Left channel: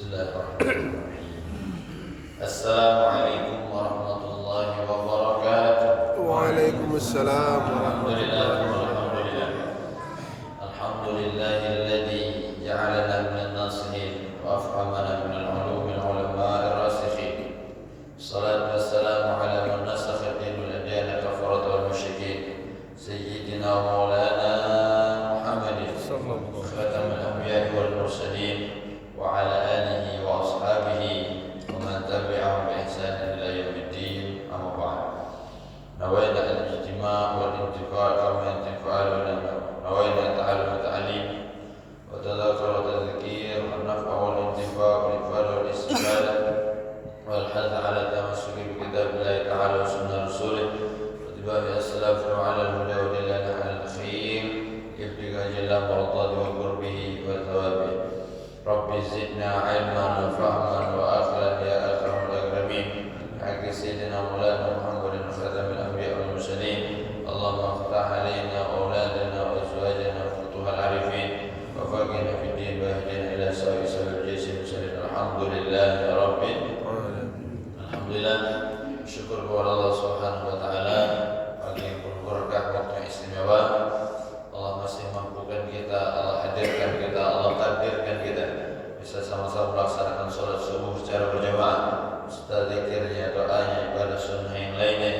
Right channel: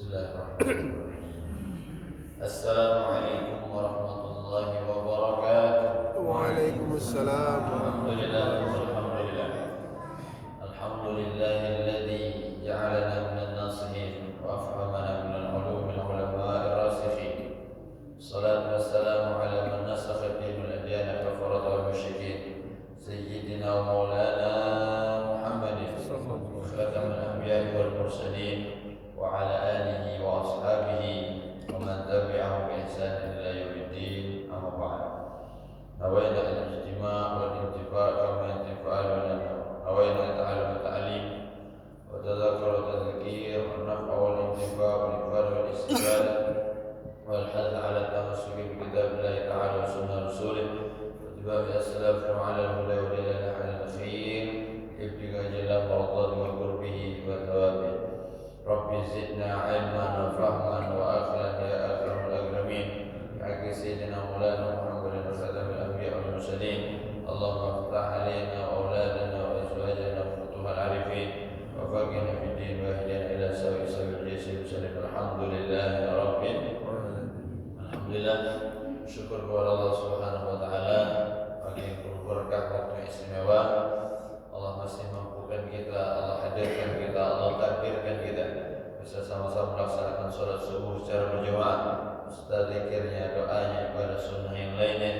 Bismillahirrahmanirrahim. Assalamualaikum warahmatullahi wabarakatuh. Waalaikumsalam Alhamdulillah warahmatullahi walhamdulillah. Alhamdulillahilladzi ja'alana minan nasihin wa afhamana minal ulumil ulama'ir rasikhin. Salatu wassalamu ala man nasakha dinul adyan kafarat wal musyrikin. Sayyidina wa maulana Muhammadin Sallallahu khatamul anbiya'i wal mursalin wa ala alihi wa ashabihi wa man tabi'ahum bi ihsan ila yaumiddin. Amma ba'd. Nawaina al-ijtima' wal intifa' kama intifa'al ulama. Nawaina ta'allum wa ta'lim wa tadhakur wa tadhkir wa naf'a wal intifa' wal ifad wal istifadah wal hadd 'ala tamassuki bi kitabillahi ta'ala wa sunnah rasulih wa tibai as-salaf wa 'ala al-huda wa dalil 'ala al-khair ibtiga jalla mardati wa qurbihi wa thawabihi. Rabbi zidna 'ilman wa fahman wa akhiran ya akramul akramin. Haqqi sayyidina maulana Muhammadin khatamil anbiya wal mursalin. Allahumma iftah 'alaina wa auladana wa azwajana wa futuhal 'arifin wa faqihna fid din wa ihdina ila sawaa'il jahil muslimin. Alhamdulillahi rabbil alamin. Alhamdulillah, syukur kepada Allah Subhanahu wa taala pagi yang penuh berkah, waktu yang istimewa. Allah masih mampukan kita, Allah hadirkan kita, Allah takdirkan kita bisa sama-sama melaksanakan sholat subuh secara berjamaah, serta zikirnya, doanya, ibadah sunnah yang lainnya,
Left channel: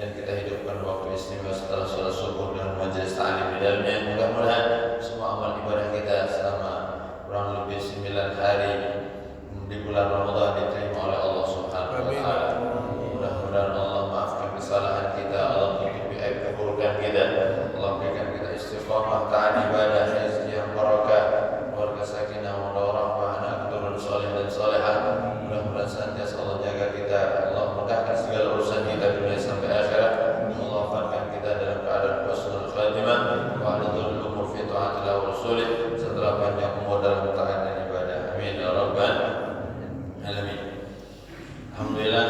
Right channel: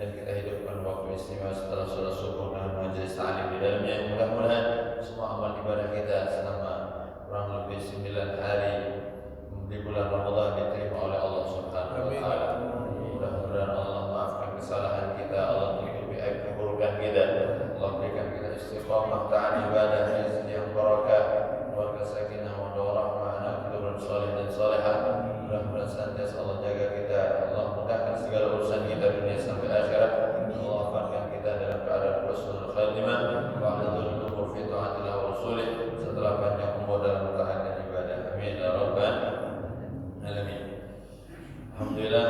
dan kita hidupkan waktu istimewa setelah sholat subuh dengan majelis ta'lim di dalamnya. Mudah-mudahan semua amal ibadah kita selama kurang lebih 9 hari di bulan Ramadan diterima oleh Allah Subhanahu wa taala. Mudah-mudahan Allah maafkan kesalahan kita, Allah tutupi aib keburukan kita, Allah berikan kita istiqamah taat ibadah, rezeki yang barakah, keluarga sakinah, warahmah, anak keturunan saleh dan salehah. Mudah-mudahan senantiasa Allah jaga kita, Allah mudahkan segala urusan kita dunia sampai akhirat. Allah wafatkan kita dalam keadaan husnul khatimah wa hadul umur fi taatillah wa rasulih, setelah panjang umur dalam taat dan ibadah. Amin ya rabbal alamin. Alhamdulillah,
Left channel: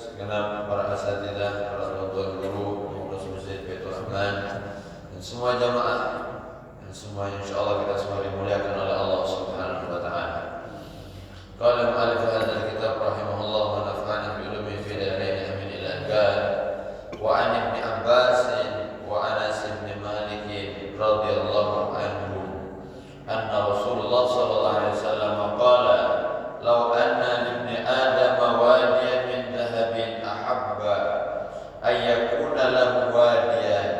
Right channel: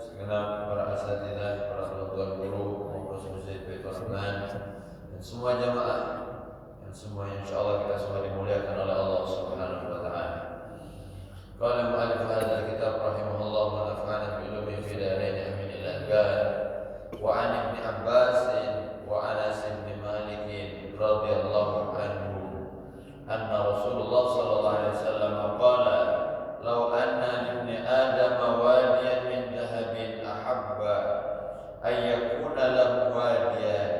segenap para asatidzah, para orang tua guru, pengurus Masjid Baitur Rahman, dan semua jamaah, dan semua insyaallah kita semua dimuliakan oleh Allah Subhanahu wa taala. Qala mu'allif hadzal kitab rahimahullah wa nafa'ana bi ulumihi fi darain amin ila al-ghad. Wa 'an Ibnu Abbas wa Anas bin Malik radhiyallahu anhu anna Rasulullah sallallahu alaihi wasallam qala law anna libni adam wadiyan min dhahabin ahabba ay yakuna lahu wadiyan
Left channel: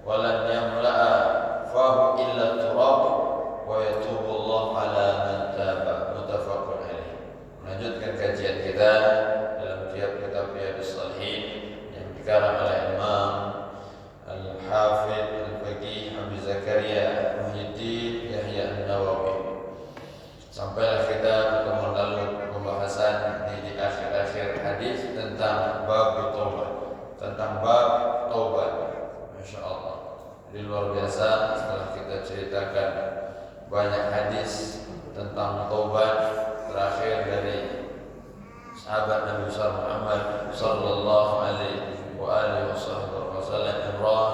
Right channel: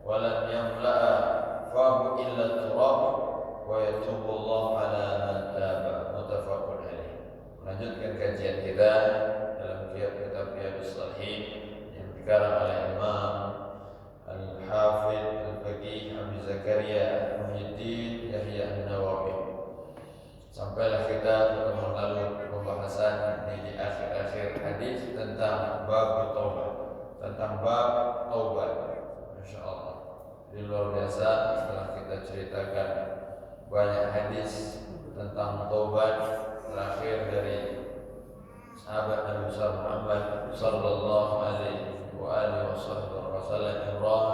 wa lam yamla'a fahu illa turab wa yatubu Allah ala man taba. Muttafaqun alaih. Melanjutkan kajian kita dalam kitab Riyadhus Shalihin yang dikarang oleh Imam Al-Hafidz Al-Faqih Abu Zakaria Muhyiddin Yahya An-Nawawi. Sampailah kita pertemuan lalu pembahasan di akhir-akhir hadis tentang bab taubat, tentang bab taubat. Masya Allah, jadi luar biasa setelah kita ceritakan banyak hadis tentang taubat, terakhir dari sahabat Nabi Muhammad sallallahu alaihi wa alihi wasallam Imran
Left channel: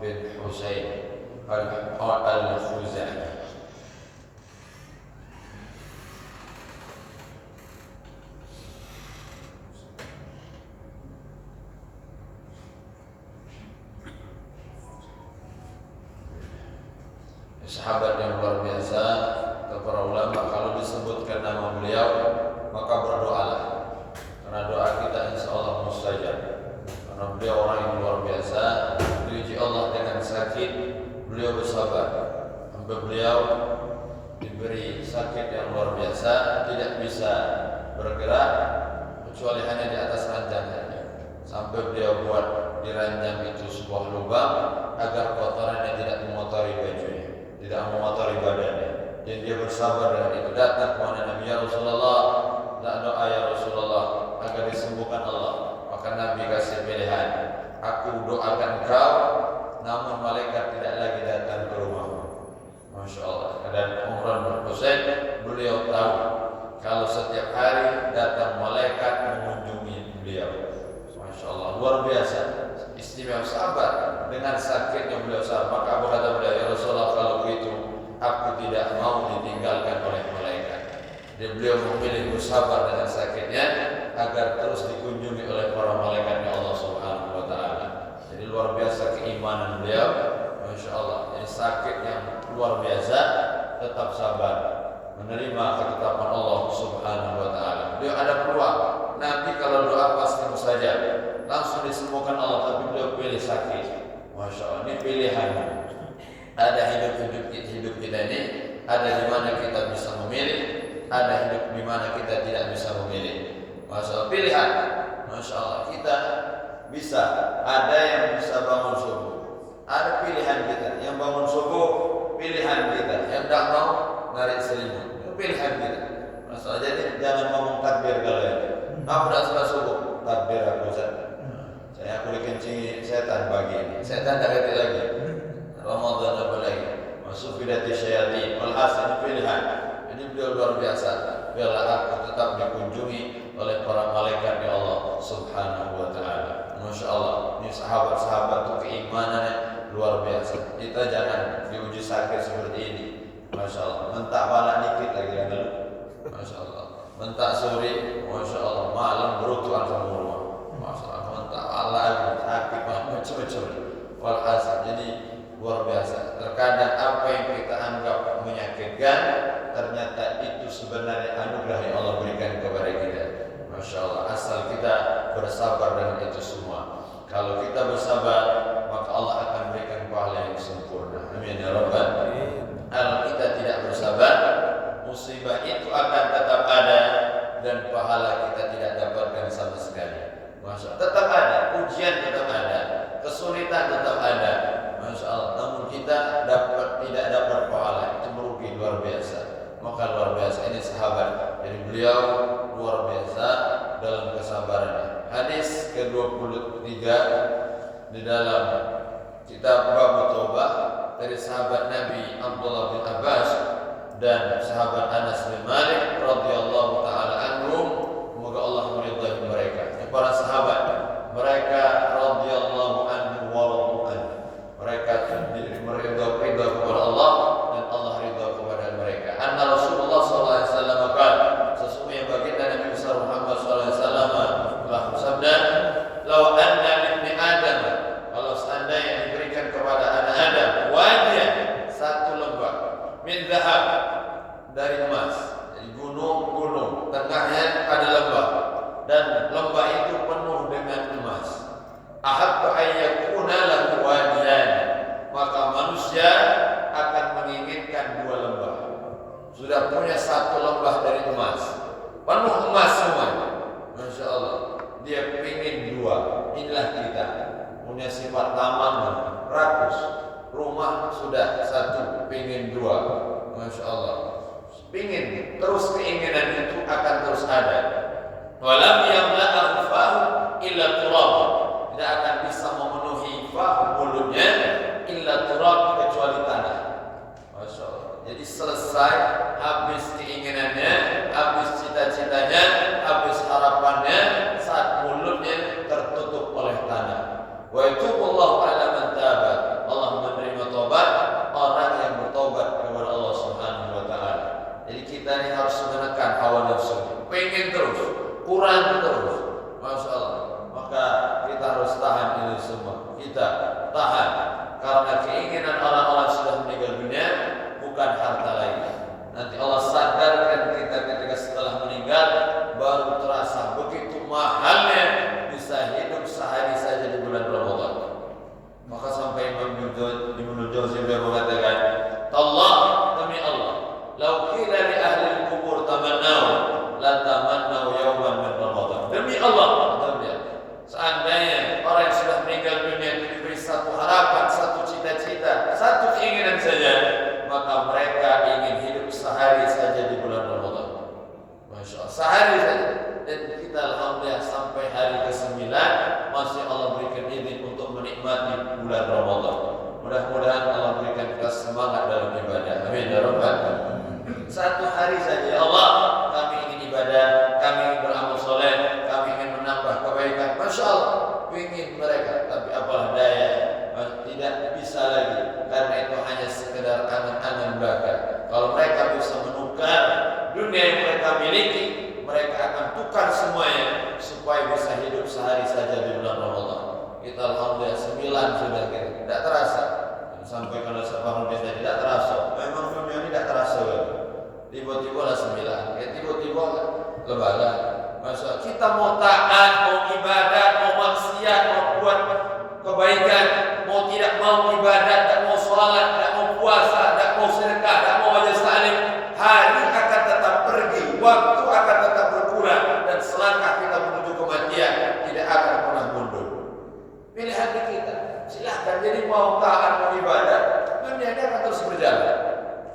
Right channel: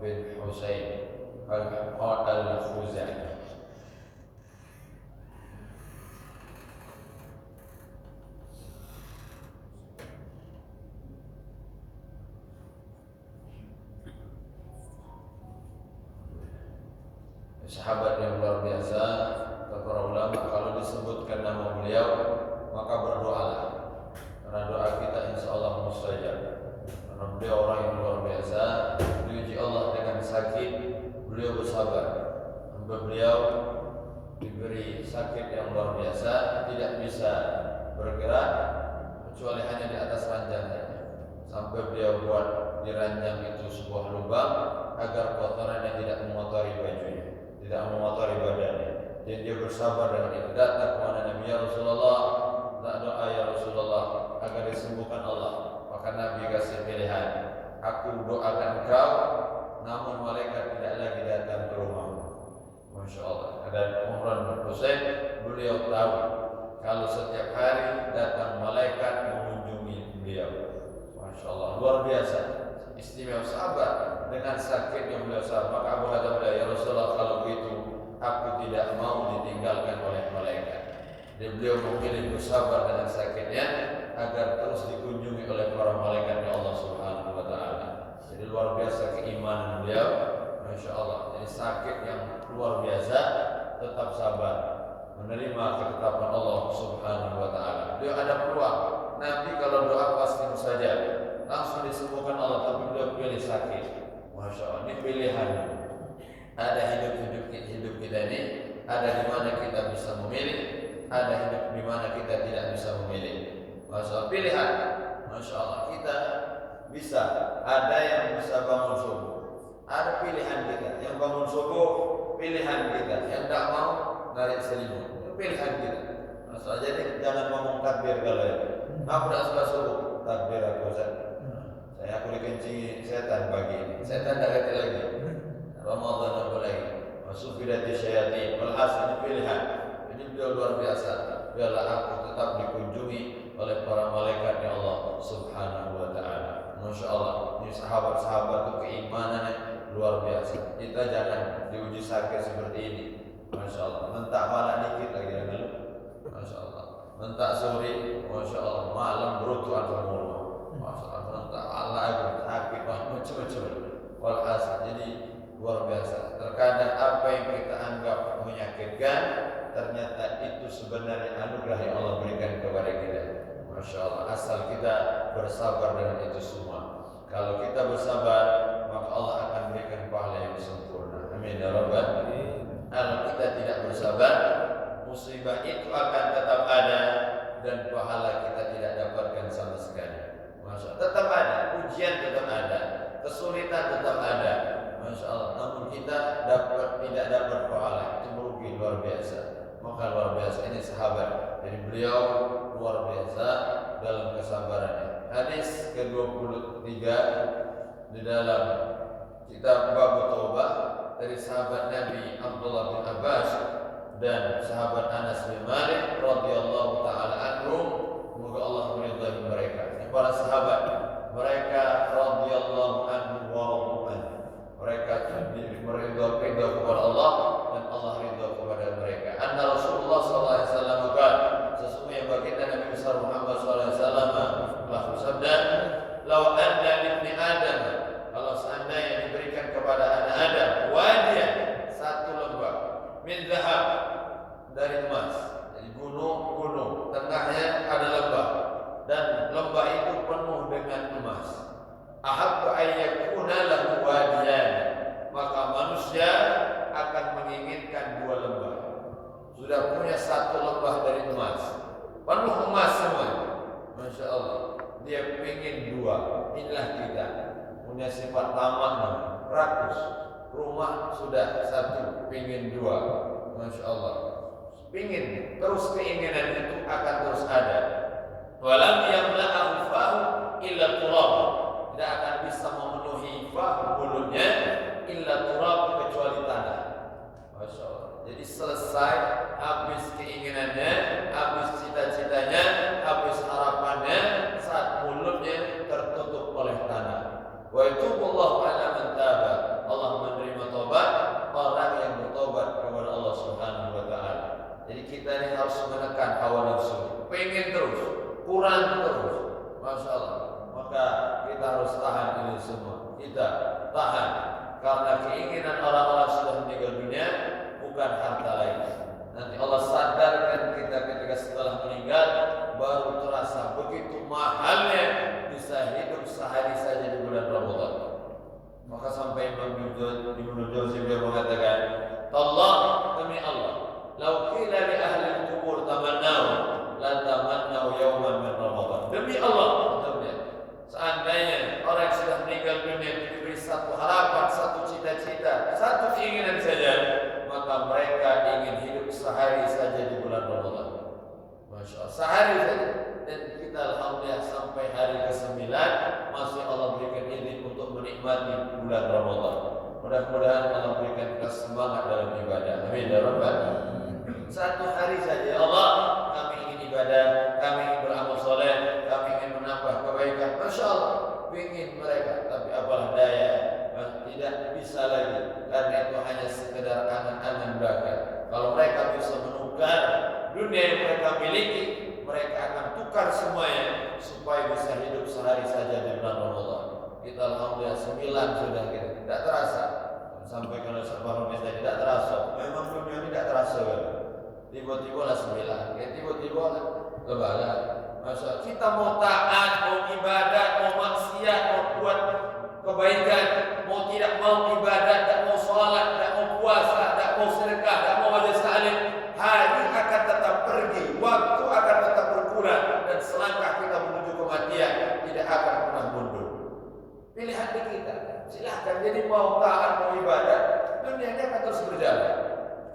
bin Husain al-Khuzai. Sahabat yang luar biasa. Para ulama kalau disebutkan nama beliau maka berdoalah, karena doa kita insya Allah mustajab. Karena beliau orang yang luar biasa, diuji Allah dengan sakit, beliau bersabar sampai beliau diberi sakit yang luar biasa, tidak bisa bergerak kecuali hanya di atas ranjang saja. Sampai beliau buat di ranjang itu sebuah lubang agar kotorannya tidak mengotori bajunya, tidak mengotori badannya. Dan dia bersabar dengan itu. Datang kepada Nabi, ya Rasulullah, tak doa ya Rasulullah agar disembuhkan Allah. Maka Nabi kasih pilihan, aku doakan kau, namun malaikat tidak lagi datang ke rumahmu. Masya Allah. Dan Imran bin Husain, beliau tahu kalau setiap hari datang malaikat mengunjungi beliau. Masya Allah, luar biasa, istimewa sahabat dengan sakitnya beliau sahabat. Maka berkata beliau, ya Rasulullah, kalau begitu aku tidak mau ditinggalkan oleh malaikat. Jadi beliau memilih bersabar dengan sakitnya agar terus dikunjungi oleh para malaikatnya Allah Subhanahu wa taala. Jadi luar biasa keimanan beliau, Masya Allah. Jadi sakit yang luar biasa tetap sabar menerima ketetapan Allah Subhanahu wa taala. Beliau ada peluang. Nabi kalau doa pasti mustajab, langsung disembuhkan Allah, tapi beliau pilih sakit. Masya Allah, ini pilihan. Ada hidup kita ini, ada di mana kita bisa memilih, ada hidup di mana kita tidak bisa memilih. Masya Allah, pilihan. Masya Allah, kita bisa. Ada yang bisa bangun subuh, ada pilihan kita. Yang bangun subuh pilihan kita, yang tidak mau narik selimut itu pilihan kita. Masya Allah, jadi jangan ngomong takbir kalau itu. Aku tidak suka subuh, takbir aku saya dikencingi setan pagi ini. Setan tidak ganti lagi. Ramadan apa lagi? Masuk bidati syaitan. Walhasil ini pilihan. Jadi beliau luar biasa. Biarlah aku tetap dikunjungi oleh para malaikatnya Allah Subhanahu wa taala. Masya Allah, ini sahabat-sahabat itu keimanannya luar biasa. Kita jangan diuji sakit seperti ini. Masya Allah, mentak malam dikit lagi kan dulu. Masya Allah, mentak sore, Masya Allah, malam berutuhan semua. Masya Allah, mentak malam sakit macam-macam. Walhasil, jadi luar biasa. Terkadang apa yang kita anggap menyakitkan, ternyata itu sebenarnya anugerah yang Allah berikan kepada kita. Masya Allah, asal kita bersabar dengan itu semua. Kalau kita bersabar, maka Allah akan berikan pahala yang sempurna. Amin ya Rabbal alamin. Kalau kita tidak bersabar, musibah itu akan tetap ada dan pahala kita tidak dapatkan sama sekali. Masya Allah, tetap ada, ujian tetap ada, kesulitan tetap ada. Masya Allah, namun kita tidak dapat pahala, itu merugi luar biasa. Maka luar biasa ini sahabat. Jadi beliau luar biasa dalam kesabarannya. Hadis ke-23 di dalam kitab Bab Taubah dari sahabat Nabi Abdullah bin Abbas dan sahabat Anas bin Malik radhiyallahu taala anhum, semoga Allah meridai mereka. Para sahabat, mereka radhiyallahu anhu wa radhu. Mereka ridha kepada Allah dan Allah ridha kepada mereka. Anna Rasulullah sallallahu alaihi wasallam berkata, sesungguhnya baginda Nabi besar Muhammad sallallahu alaihi wasallam telah bersabda, "Lau anna libni Adam," kalau seandainya diberikan kepada anak Adam wadiyan, satu lembah min zahab, dari emas, dari gunung-gunung, tengahnya ada lembah dan lembah itu penuh dengan emas. Ahabba ayyakuna lahu wadiyan, maka manusia akan menginginkan dua lembah. Sudah punya satu lembah dari emas, penuh emas semua. Masya Allah, dia ingin dua. Inilah kita, punya sifat taman, rakus. Rumah sudah satu, ingin dua. Masya Allah, ingin terus, keinginan itu akan terus ada. Walam yamla'ahu fahu illa turab, tidak akan bisa memenuhi fahu mulutnya illa turab, kecuali tanah. Masya Allah. Jadi selesai, habis keinginannya, habis cita-citanya, habis harapannya, saat mulutnya tertutup oleh tanah. Wa yatubullahu ala man taba, Allah menerima tobat orang yang bertobat kepada Allah Subhanahu wa taala. Jadi kita ini harus menekan hawa nafsu, pengen terus, kurang terus. Masya Allah. Maka kita harus tahan ini semua. Kita tahan, karena keinginan orang-orang sudah meninggal dunia bukan harta lainnya. Nanti Allah sadarkan kita ketika setelah meninggal, baru terasa begitu mahalnya bisa hidup sehari saja di bulan Ramadan. Maka sampai Imam Ibnu Jauzi beliau mengatakan, "Allah, demi Allah, lau qila li ahli al-qubur tamannau la tamannau yawman min Ramadan." Demi Allah, seandainya orang yang sudah meninggal dunia itu diberi satu harapan, satu cita-cita, satu keinginan saja, maka mereka ingin hidup sehari saja di bulan Ramadan. Masya Allah, sehari saja. Dan kita alhamdulillah sampai hari ke-9 masih Allah berikan izin untuk menikmati bulan Ramadan. Mudah-mudahan Allah berikan kita semangat dalam ibadah. Amin ya rabbal alamin. Satu hari saja, ya Allah, kami ingin ibadah, kami ingin beramal soleh, kami ingin menambah kebaikan. Masya Allah, ingin mereka, tapi apalah daya, tidak bisa lagi, karena itu hanya sekedar angan-angan belaka. Kalau mereka bisa menukar dunia dunia yang mereka miliki, mereka akan tukar semuanya supaya bisa hidup sehari saja di bulan Ramadan. Kita alhamdulillah 9 sudah kita, tidak terasa. Sampai kalau separuh bisa tidak terasa. Memang dunia ini tidak terasa. Tiba-tiba lah 9, tiba-tiba lebaran. Masa kita mau taat, mau ibadat, mau maksiat, mau buat kebaikan, mau tidak mau ibadat, tidak mau sholat, tidak mau puasa, tidak mau sedekah, tidak mau wajah salim, hari akan tetap pergi, waktu akan tetap berkurang, dan selangkah kita menuju kematian tidak akan pernah mundur. Pilihan di kita. Silahkan. Jadi mau taat, mau ibadat, dunia ini akan terus berjalan.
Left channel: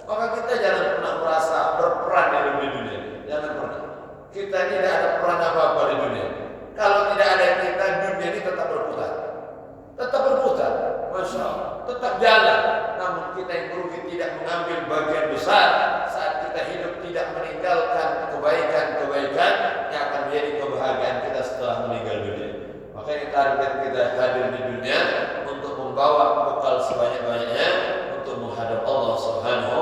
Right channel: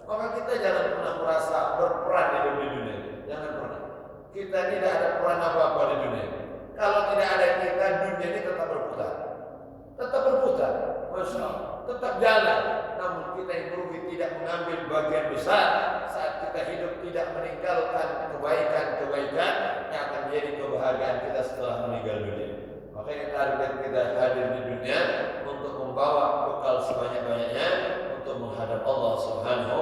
Maka kita jangan pernah merasa berperan di dunia. Jangan pernah. Kita tidak ada peran apa-apa di dunia. Kalau tidak ada kita, dunia ini tetap berputar. Tetap berputar. Masya Allah. Tetap jalan. Namun kita yang merugi tidak mengambil bagian besar saat kita hidup, tidak meninggalkan kebaikan-kebaikan yang akan menjadi kebahagiaan kita setelah meninggal dunia. Makanya target kita hadir di dunia untuk membawa bekal sebanyak-banyaknya untuk menghadap Allah Subhanahu.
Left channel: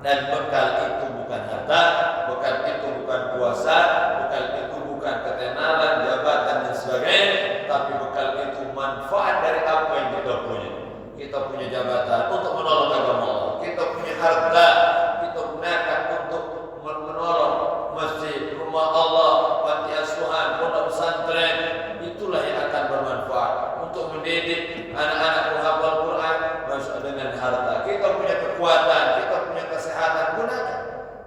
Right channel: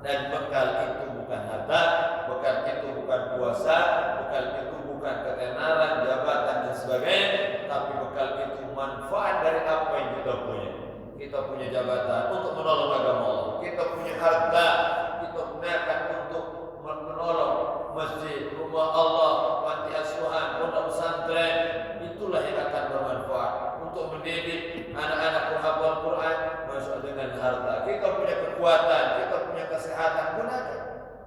Dan bekal itu bukan harta, bekal itu bukan kuasa, bekal itu bukan ketenaran, jabatan dan sebagainya, tapi bekal itu manfaat dari apa yang kita punya. Kita punya jabatan untuk menolong agama Allah, kita punya harta, kita gunakan untuk menolong masjid, rumah Allah, panti asuhan, pondok pesantren. Itulah yang akan bermanfaat untuk mendidik anak-anak penghafal Quran masuk dengan harta. Kita punya kekuatan, kita punya kesehatan, gunakan.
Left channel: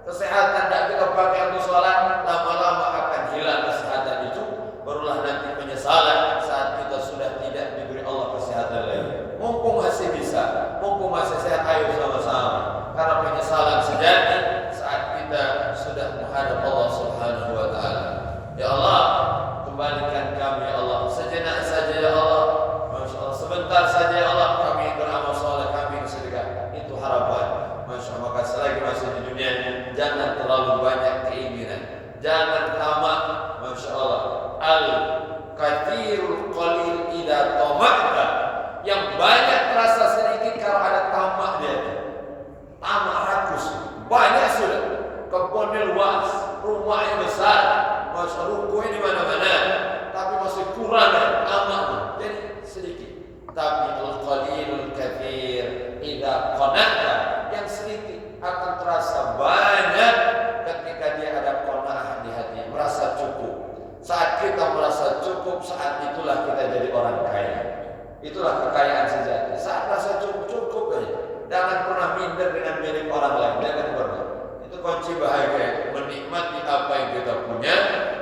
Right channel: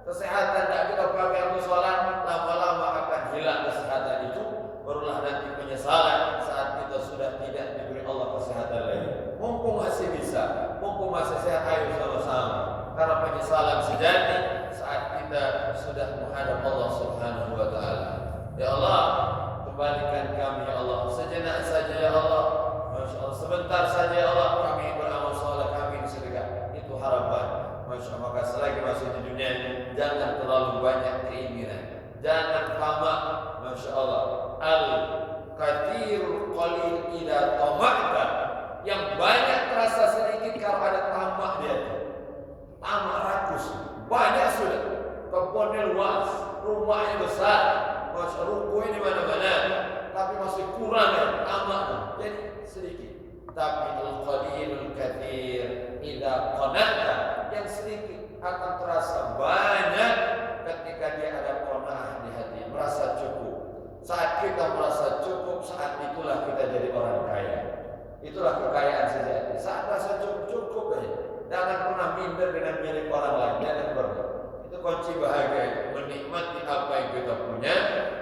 Kesehatan tidak kita pakai untuk sholat, lama-lama akan hilang kesehatan itu. Barulah nanti penyesalan saat kita sudah tidak diberi Allah kesehatan lagi. Mumpung masih bisa, mumpung masih sehat, ayo sama-sama. Karena penyesalan sejati saat kita sudah menghadap Allah Subhanahu wa Ta'ala. Ya Allah, kembalikan kami ya Allah, sejenak saja ya Allah, Masya Allah, sebentar saja ya Allah, kami beramal soleh, kami sedekah. Itu harapan. Masya Allah. Maka selagi masih di dunia, jangan terlalu banyak keinginan, jangan tamak. Masya Allah. Al-kathirul qalil idza tamakta, yang banyak terasa sedikit kalau ada tamak dia. Tamak rakus, banyak sudah, kebunnya luas, rumahnya besar, Masya Allah, rukunya di mana-mana, tapi masih kurang tamak, jadi sedikit. Tapi al-qalilul kathir idza qana'ta, yang sedikit akan terasa banyak ketika dia ada qanaah di hati, merasa cukup. Saat kita merasa cukup, saat itulah kita jadi orang kaya. Itulah kekayaan sejati. Saat rasa cukup aja. Jangan pernah minder dengan milik orang lain. Jangan pernah. Itu kunci bahagia. Menikmati apa yang kita punya.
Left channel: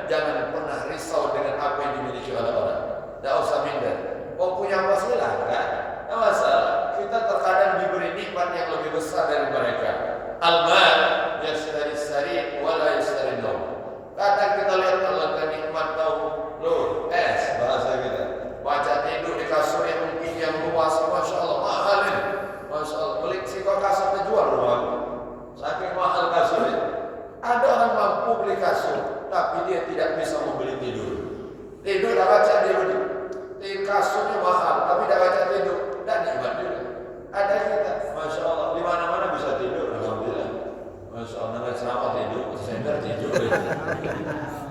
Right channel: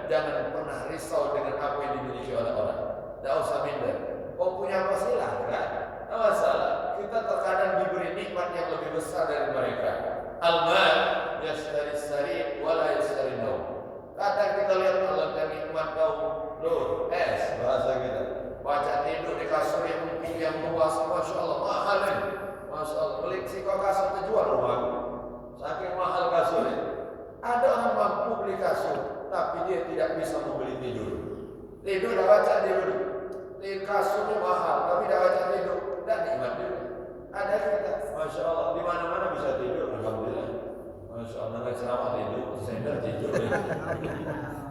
Jangan pernah risau dengan apa yang dimiliki oleh orang. Tidak usah minder. Kau punya apa silahkan. Tidak masalah. Kita terkadang diberi nikmat yang lebih besar dari mereka. Al-mal yashtari sari wala yashtari naum. Kadang kita lihat Allah nikmat kau, loh, bahasa kita. Baca tidur di kasur yang mungkin yang luas, Masya Allah, mahal ini. Masya Allah, beli si kau kasur terjual rumah. Saking mahal kasurnya. Ada orang mampu beli kasur, tapi dia tidak bisa membeli tidur. Tidur tak baca dia beli. Kasurnya mahal, tapi tak baca tidur. Dan nikmat juga. Ada kita, Masya Allah, di mana-mana bisa tidur. Alhamdulillah. Masya Allah, nama ceramah tidur, sender tidur.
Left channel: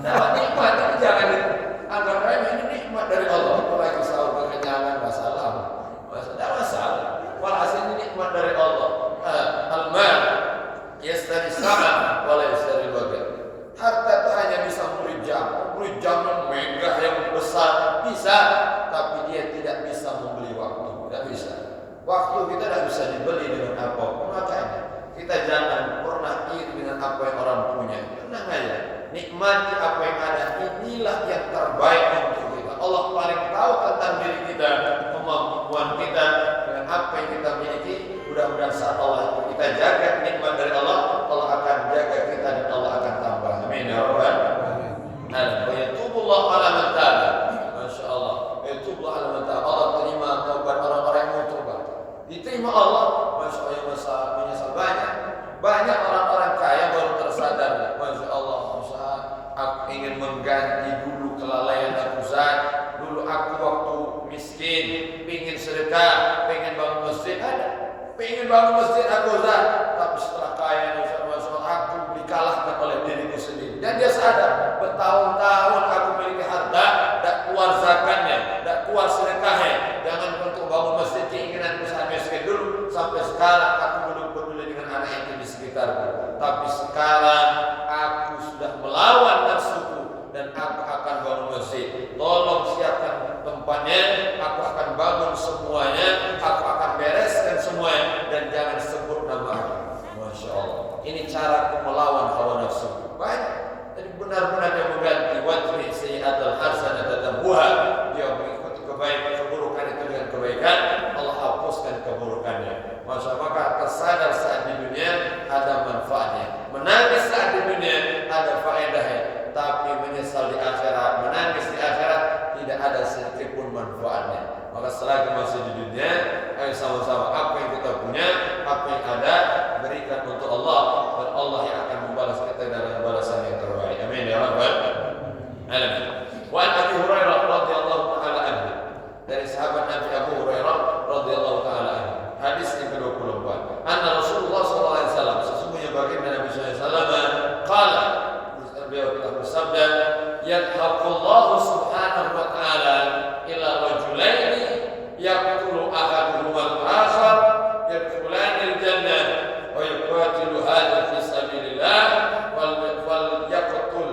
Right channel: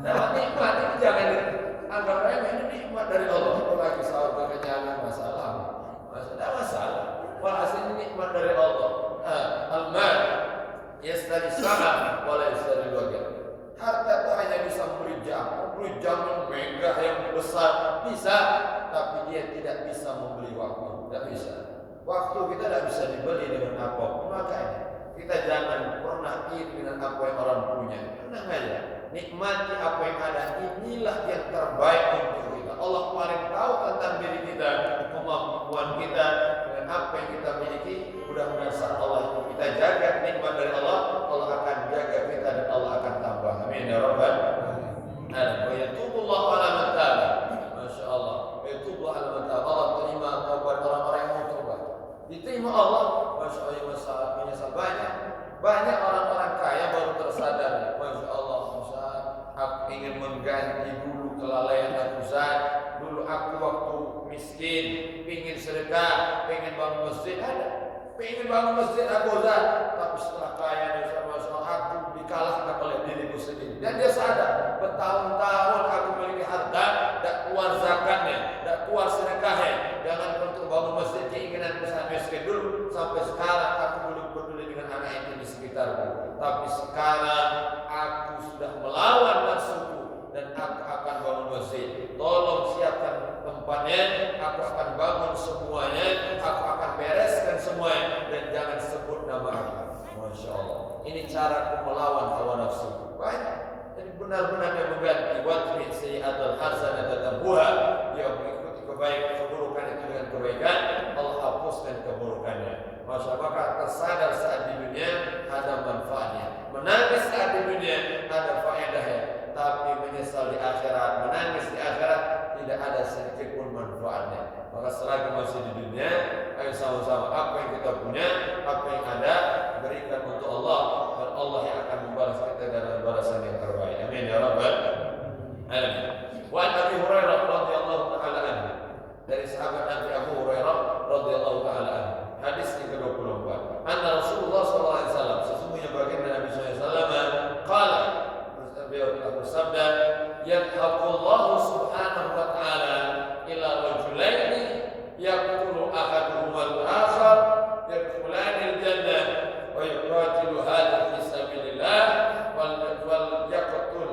Dapat nikmat ini jangan anggap remeh, ini nikmat dari Allah. Apalagi sahur kekenyangan, masalah. Tidak masalah. Walhasil ini nikmat dari Allah. Al-mal yastari sama wala yastari waga. Harta itu hanya bisa memberi jam yang megah, yang besar, bisa, tapi dia tidak bisa membeli waktu. Tidak bisa. Waktu kita tidak bisa dibeli dengan apapun. Makanya kita jangan pernah iri dengan apa yang orang punya. Tenang aja, nikmati apa yang ada. Inilah yang terbaik untuk kita. Allah paling tahu tentang diri kita, kemampuan kita, dengan apa yang kita miliki. Mudah-mudahan saat Allah kita jaga nikmat dari Allah, Allah akan jaga kita dan Allah akan tambah. Amin ya rabbal alamin. Wa yatubullahu ala man taba. Masya Allah. Wa yatubullahu ala man taba. Allah terima taubat orang-orang yang mau tobat. Diterima Allah. Masya Allah, yang menyesal banyak orang-orang kaya baru tersadar. Masya Allah, Ustaz, aku ingin mengganti dulu kelalaian aku, Ustaz. Dulu aku waktu miskin, ingin sedekah, ingin bangun masjid, ada. Pengen bangun masjid aku Ustaz, tapi setelah kaya Ustaz, aku dikalahkan oleh diriku sendiri. Dan dia sadar bertahun-tahun aku memiliki harta, tak keluar zakatnya, tak keluar sedekahnya. Jangan untuk bangun masjid keinginan Ustaz miskin dulu. Sampai sekarang aku belum peduli dengan anak itu di sekitarku. Tapi sekarang aku sudah melawan nafsuku dan aku akan bangun masjid. Tolong siapkan tempatnya, aku akan bangun semuanya, aku akan bereskan semuanya, dan jangan sebut nama aku. Masya Allah. Ini cara melawan hawa nafsu. Banyak. Jadi benar-benar dia mengganti wajib sayyi'atul hasanah tambuha. Dia mengikuti kebaikan, keburukan itu dengan kebaikan, Allah hapuskan keburukannya. Masya Allah, maka tersadar saat di dunia ada manfaatnya. Menangis saat di dunia ada faedahnya. Tapi menyesal di akhirat, menangis di akhirat, tidak ada sedikit pun manfaatnya. Maka selagi masih di dunia, ayo sama-sama apa yang kita punya, apa yang ada, berikan untuk Allah, dan Allah yang akan membalas kita dengan balasan yang terbaik. Amin ya rabbal alamin. Wa an Abi Hurairah radhiyallahu taala anhu, dari sahabat Nabi Abu Hurairah radhiyallahu taala anhu, hadis yang ke-24. Anna Rasulullah sallallahu alaihi wasallam, sesungguhnya baginda Nabi sallallahu alaihi wasallam qala, beliau telah bersabda, yadhaqullahu subhanahu wa ta'ala ila rajulaini yaqtulu ahaduhuma al-akhar yadkhulanil jannah wa yuqatilu hadha fi sabilillah wal yaqtul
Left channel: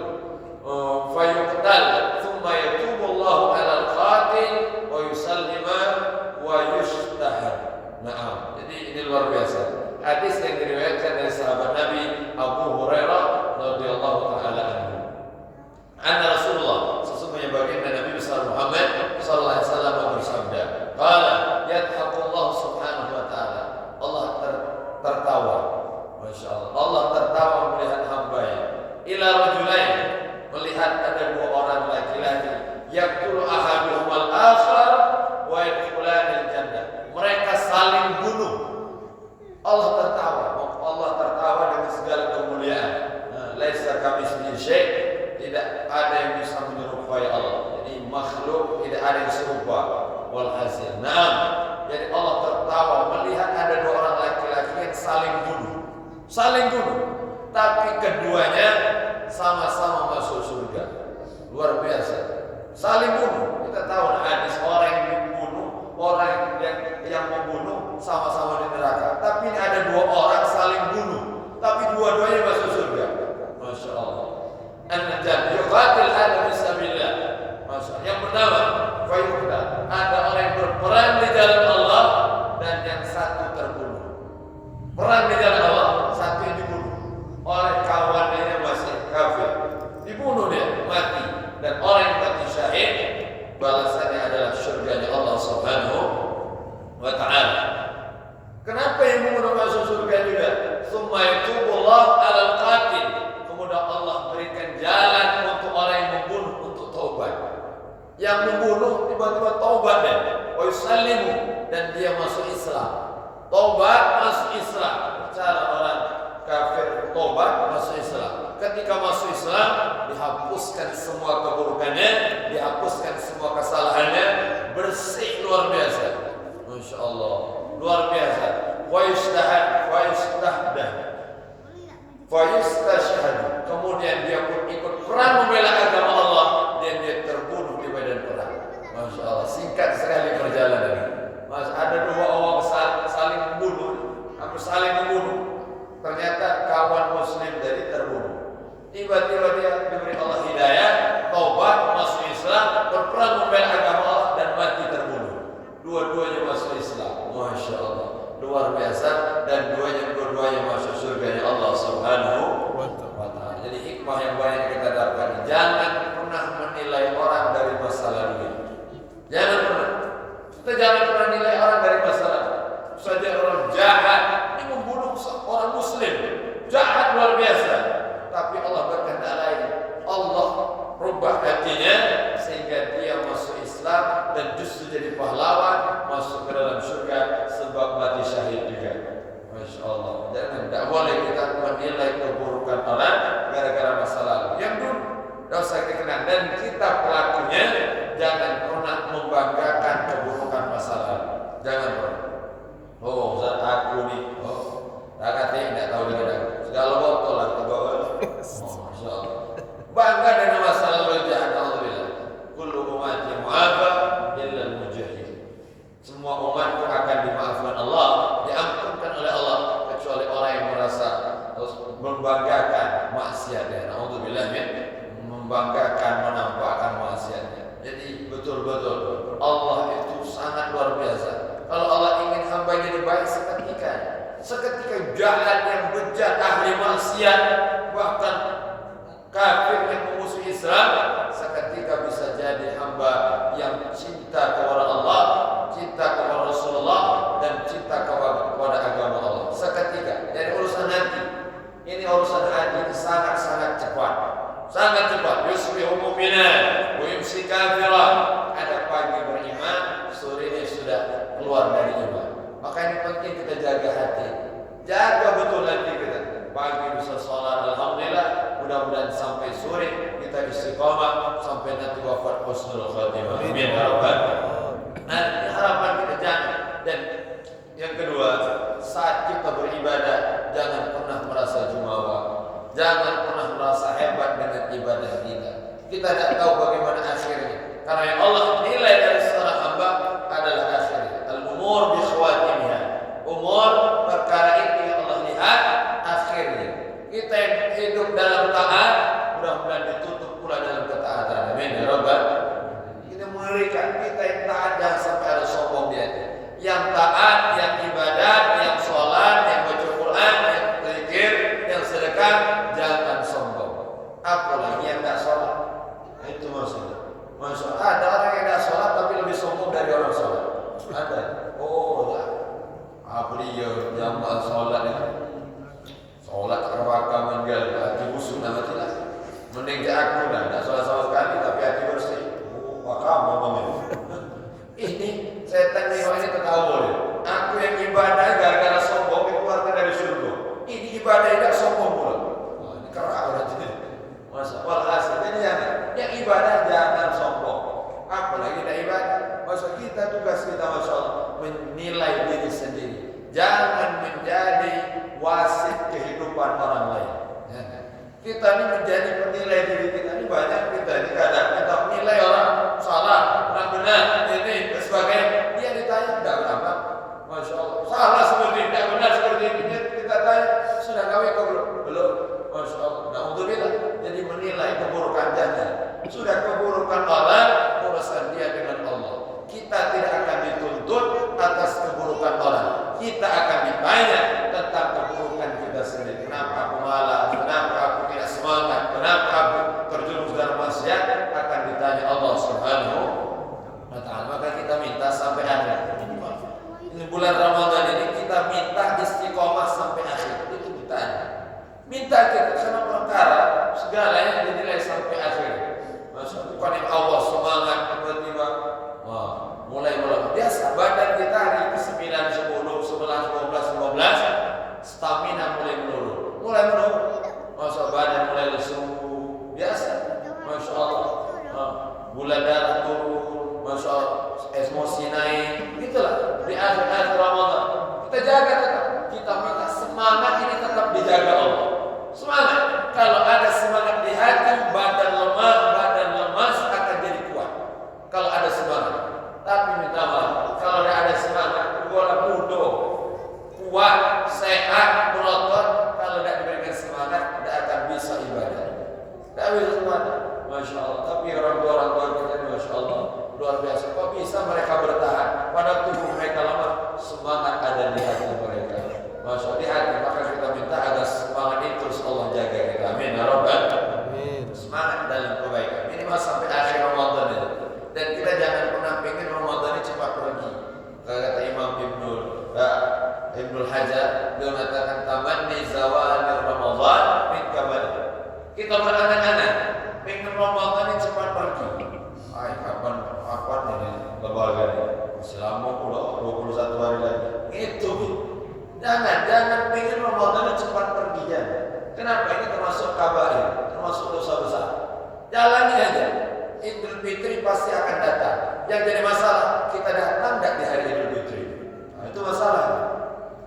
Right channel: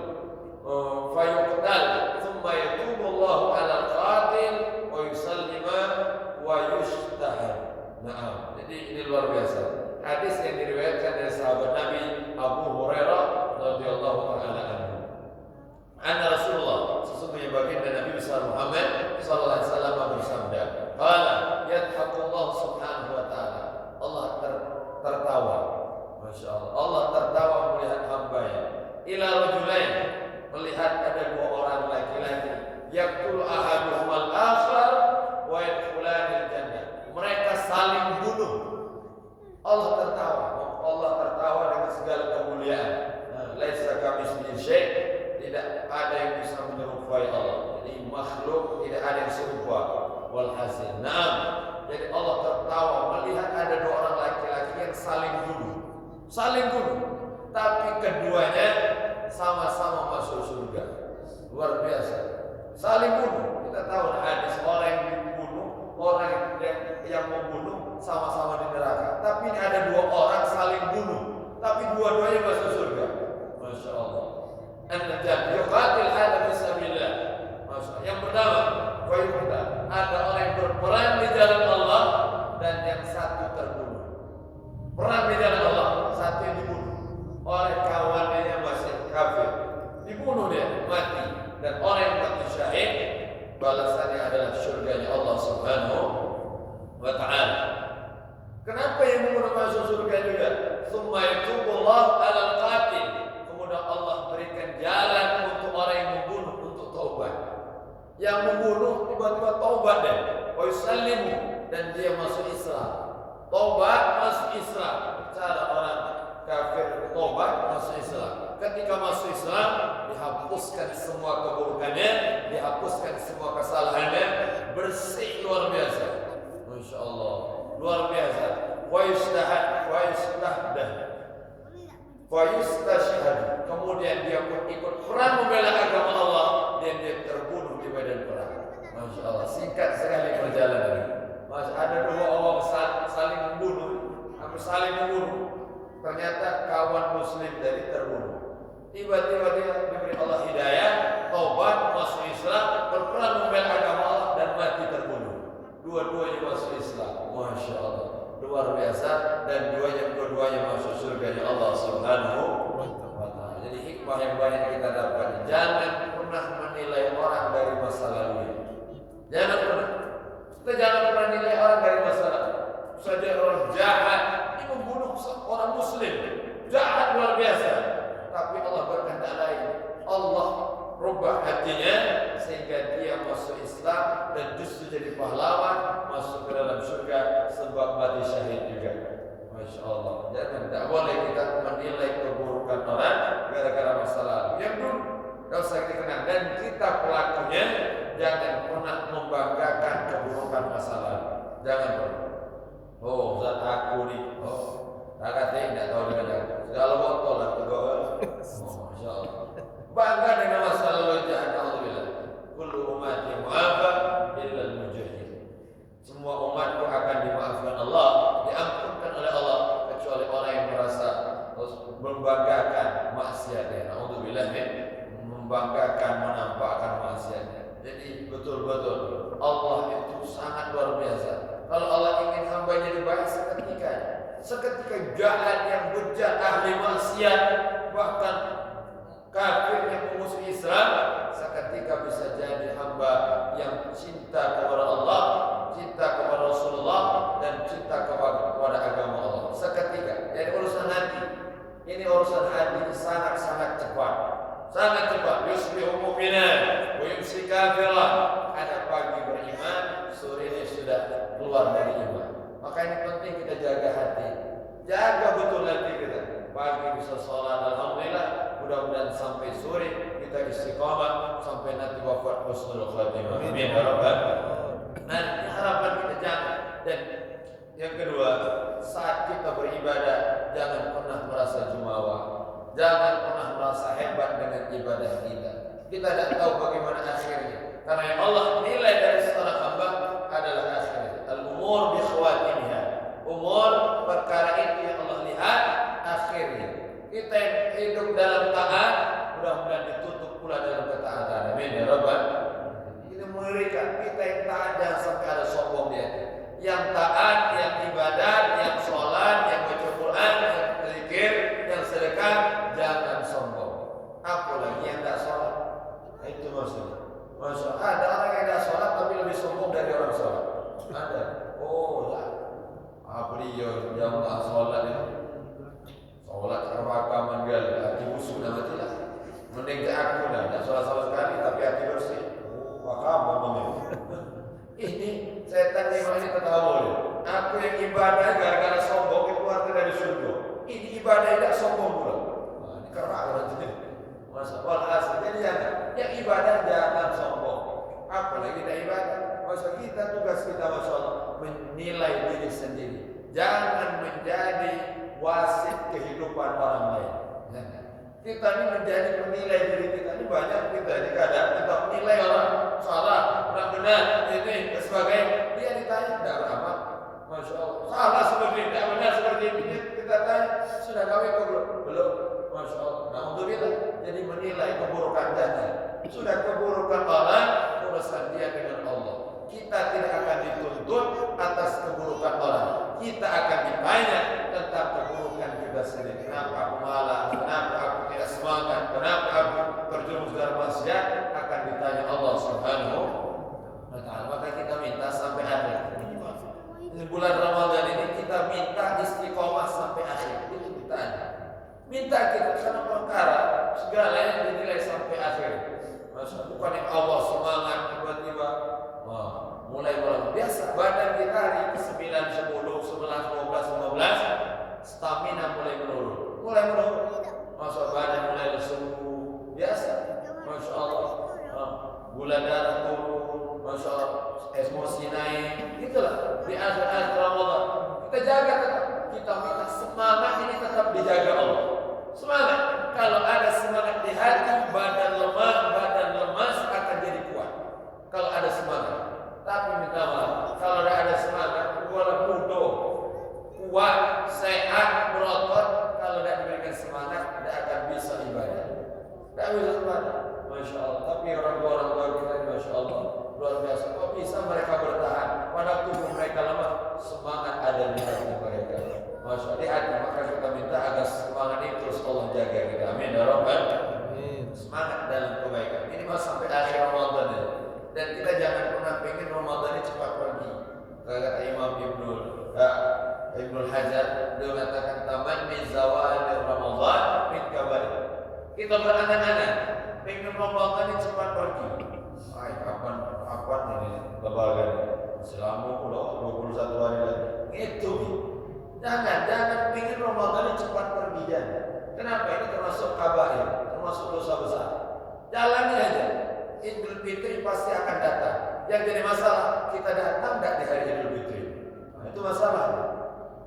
fayuqtal thumma yatubu Allahu ala al-qatil wa yusallima wa yushtahar. Nah, jadi ini luar biasa. Hadis yang diriwayatkan dari sahabat Nabi Abu Hurairah radhiyallahu taala anhu. Anna Rasulullah, sesungguhnya baginda Nabi besar Muhammad sallallahu alaihi wasallam bersabda, qala yadhaqullahu subhanahu wa taala, Allah tertawa. Masya Allah, Allah tertawa melihat hamba-Nya. Ila rajulain, melihat ada dua orang laki-laki, yaqtulu ahaduhumal akhar wa yadkhulanil jannah. Mereka saling bunuh. Allah tertawa. Allah tertawa dengan segala kemuliaan. Laisa kamitslihi syai', tidak ada yang bisa menyerupai Allah. Jadi makhluk tidak ada yang serupa. Walhasil, naam. Jadi Allah tertawa melihat ada dua orang laki-laki yang saling bunuh. Saling bunuh. Tapi keduanya sama-sama masuk surga. Luar biasa. Saling bunuh. Kita tahu hadis orang yang dibunuh, orang yang membunuh sama-sama di neraka. Tapi ini ada dua orang saling bunuh, tapi dua-duanya masuk surga. Masya Allah. An-najat yuqatil hadha fisabilillah. Masya Allah. Yang pertama, fayuqtal, ada orang yang berperang di jalan Allah dan yang satu terbunuh. Perang di jalan Allah, satu yang dibunuh. Orang kawannya masih kafir, dibunuh dia, mati. Dan orang yang mati syahid, balasannya adalah surganya Allah Subhanahu wa ta'ala. Kenapa yang membunuh masuk surga juga? Tsumma yatubullah 'alal qatil. Kemudian Allah berikan jalan untuk orang yang membunuh untuk taubat. Yang membunuh tiba-tiba taubat dan wa yusallimu, dan dia masuk Islam. Taubat masuk Islam. Cara orang kafir taubat masuk Islam. Ketika masuk Islam, dihapuskan semua keburukannya, dihapuskan semua kesalahannya, bersih luar biasa. Masya Allah, luar biasa. Wa yustashhad. Kemudian dia pun ikut perang membela agama Allah dan dia terbunuh di medan perang. Masya Allah, singkat sekali perjalanan. Mas, ada dua orang saling membunuh, hampir saling membunuh. Ternyata kawan Muslim tadi terbunuh. Tiba-tiba dia diberi Allah hidayah, taubat, masuk Islam, berperang membela agama Allah dan mati terbunuh. Dua-duanya masuk Islam. Masya Allah, luar biasa. Dan dua-duanya masuk surganya Allah Subhanahu wa ta'ala. Jadi hikmah yang banyak kita dapat. Jangan pernah menilai orang dari masa lalu. Jangan pernah. Kita jangan pernah nilai orang dari masa lalu. Saja orang jahat, ini membunuh orang Muslim, jahat luar biasa. Tapi Allah berkehendak lain. Allah rubah hatinya sehingga dia masuk Islam dan justru jadi pahlawan, masuk ke dalam surga sebab mati syahid juga. Masya Allah. Jangan, tidak boleh kita menilai keburukan orang gara-gara masa lalu. Yang dulu tidak usah dikenal, dan kita pelakunya jangan pernah membanggakan keburukan masa lalu. Jangan pernah. Oh, Ustaz aku nih. Oh, tak kata tidak tahu dengan aku. Segala botol lah ke bawah. Oh, insyaallah. Bangga dengan masa lalu jahat alhamdulillah. Kullu ummati mu'afa illa al-mujahid. Semua umatku akan dimaafkan Allah, diampunkan oleh Allah kecuali orang yang merasa membanggakan maksiatnya. Alhamdulillah membanggakan menampakkan maksiatnya. Jadi betul-betul Allah itu sangat luar biasa. Kalau Allah ingin hamba jadi baik seketika jahat yang bejat ahli maksiat bahkan kafir yang memusuhi Islam seketika bisa jadi hamba yang cinta kepada Allah, cinta kepada Rasulullah dan cinta kepada agama Allah seketika. Jadi urusan hati ini, urusan hati ini sangat-sangat cepat, sangat cepat. Yusbihu mu'minan wa yumsi kafiran. Ada pagi beriman, sorenya sudah keluar dari iman. Maka ini penting kita jaga hati, jaga betul hati kita. Pagi bisa sholat alhamdulillah, mudah-mudahan sampai sore kita istiqamah sampai nanti wafat husnul khatimah. Amin ya rabbal alamin. Nah, harapan kita jangan. Dan yang kedua, saat kita beribadah jangan pernah merasa jumawa, jangan pernah merasa hebat dengan ibadah kita. Kita tidak tahu bagaimana akhirnya, karena yang Allah nilai dari seorang hamba adalah akhirnya. Al-umur bi khawatimiha. Umur perkara itu yang Allah lihat akhirnya. Kita yang hidup dalam taat mudah-mudahan ditutup pula dalam ketaatan. Amin ya rabbal alamin. Kita mengerikan, kita yang taat jangan sampai ada sombong di hati. Yang taat, yang ibadat, yang sholat, yang baca Quran, yang zikir, yang sedekah, jangan sombong. Apalagi yang tidak sholat. Itu maksudnya. Maksudnya ada orang yang tidak sholat tapi lebih sombong dari orang sholat. Ada. Oh, lah. Beliau jamaah sholat itu. Sholat rakaat manggal, hati busuk nama tidak. Mending aku dah, tidak sholat sama sekali tapi hati bersih. Oh, kamu ngomong. Ini setan memang ini ketawa. Aku yang ibadah gara-gara sombong dikeluarkan dari surga. Ini ibadah tidak sombong pula. Wah, ini kerak berarti. Masa walhasil jadi jangan. Yang ibadah jangan sombong. Apalagi tidak ibadah. Masa kita tugas kita masya Allah menilai diri sendiri. Jangan menjadi wasit kehidupan orang lain. Kita ini menjadi penilai diri kita. Ini banyak kita ini kadang kita menilai orang salah, orang benar, ini dan sebagainya. Dia ditanya tidak berapa, masya Allah. Salah seperti ini, tidak benar seperti ini. Kita tanya sudah kawin kau belum? Belum, masya Allah. Nah untuk kita jadi menilai keburukan jangan. Sudah keburukan orang, urusan dia dengan Allah. Kita tidak akan dituntut atas keburukan orang. Kita akan ditanya tentang keburukan kita sendiri. Kenapa aku malas? Kenapa aku tidak semangat? Kenapa aku terjerumus dalam maksiat? Akan ditanya Allah Subhanahu wa ta'ala. Maka kita minta sampai akhir. Ini bulan Ramadan ini kita minta istiqomah sampai akhir. Itu ditanya. Minta kita karena perkara segalanya dinilai sampai akhir. Maksudnya bukan yang awal semangat tiba-tiba mulai biasa badan kita hari ke 9, 10, 11, 12, 15 stamina mulai menurun. Masa badan mulai lesu biasa. Masya Allah. Gula darah turun, masya Allah, emosi naik. Itulah di akhir-akhir Ramadan. Kita jaga tetap. Kita minta semangat ini tetap dijaga Allah. Semangat. Kalau ada semangat di hati, badan lemah, badan lemas akan jadi kuat. Kalau ada semangat. Tapi minta maaf, kalau ada semangat, wala mudah, kuat, sehat, berotot. Kalau tidak diberikan semangat, tidak akan bisa ibadah. Tidak bisa semangat, masya Allah. Tapi orang tua kita ini, masya Allah, luar biasa. Kok bisa mereka bertahan? Pada tubuh mereka lemah, semangat ada di hati mereka. Masya Allah, di hati. Maka kita minta agar semangat itu terus Allah jaga kita. Amin ya rabbal alamin. Semangat dalam kebaikan. Ini mas sampai akhir Ramadan ini. Dan kita jangan pernah pengen Ramadan ini cepat pergi. Kata Imam Ibnul Hajar, beliau mengatakan tamanni zawal Ramadan min kabar. Kita berangan-angan pengen Ramadan ini cepat pergi. Kapan ini lebaran ini? Selama 21 hari lagi. Itu jangan pengen Ramadan ini cepat pergi jangan. Kenapa? Ini termasuk kabair, termasuk dosa besar. Jalani aja. Idul Fitri pasti akan datang. Yang jadi masalah kita datang tidak di hari Idul Fitri. Itu masalah.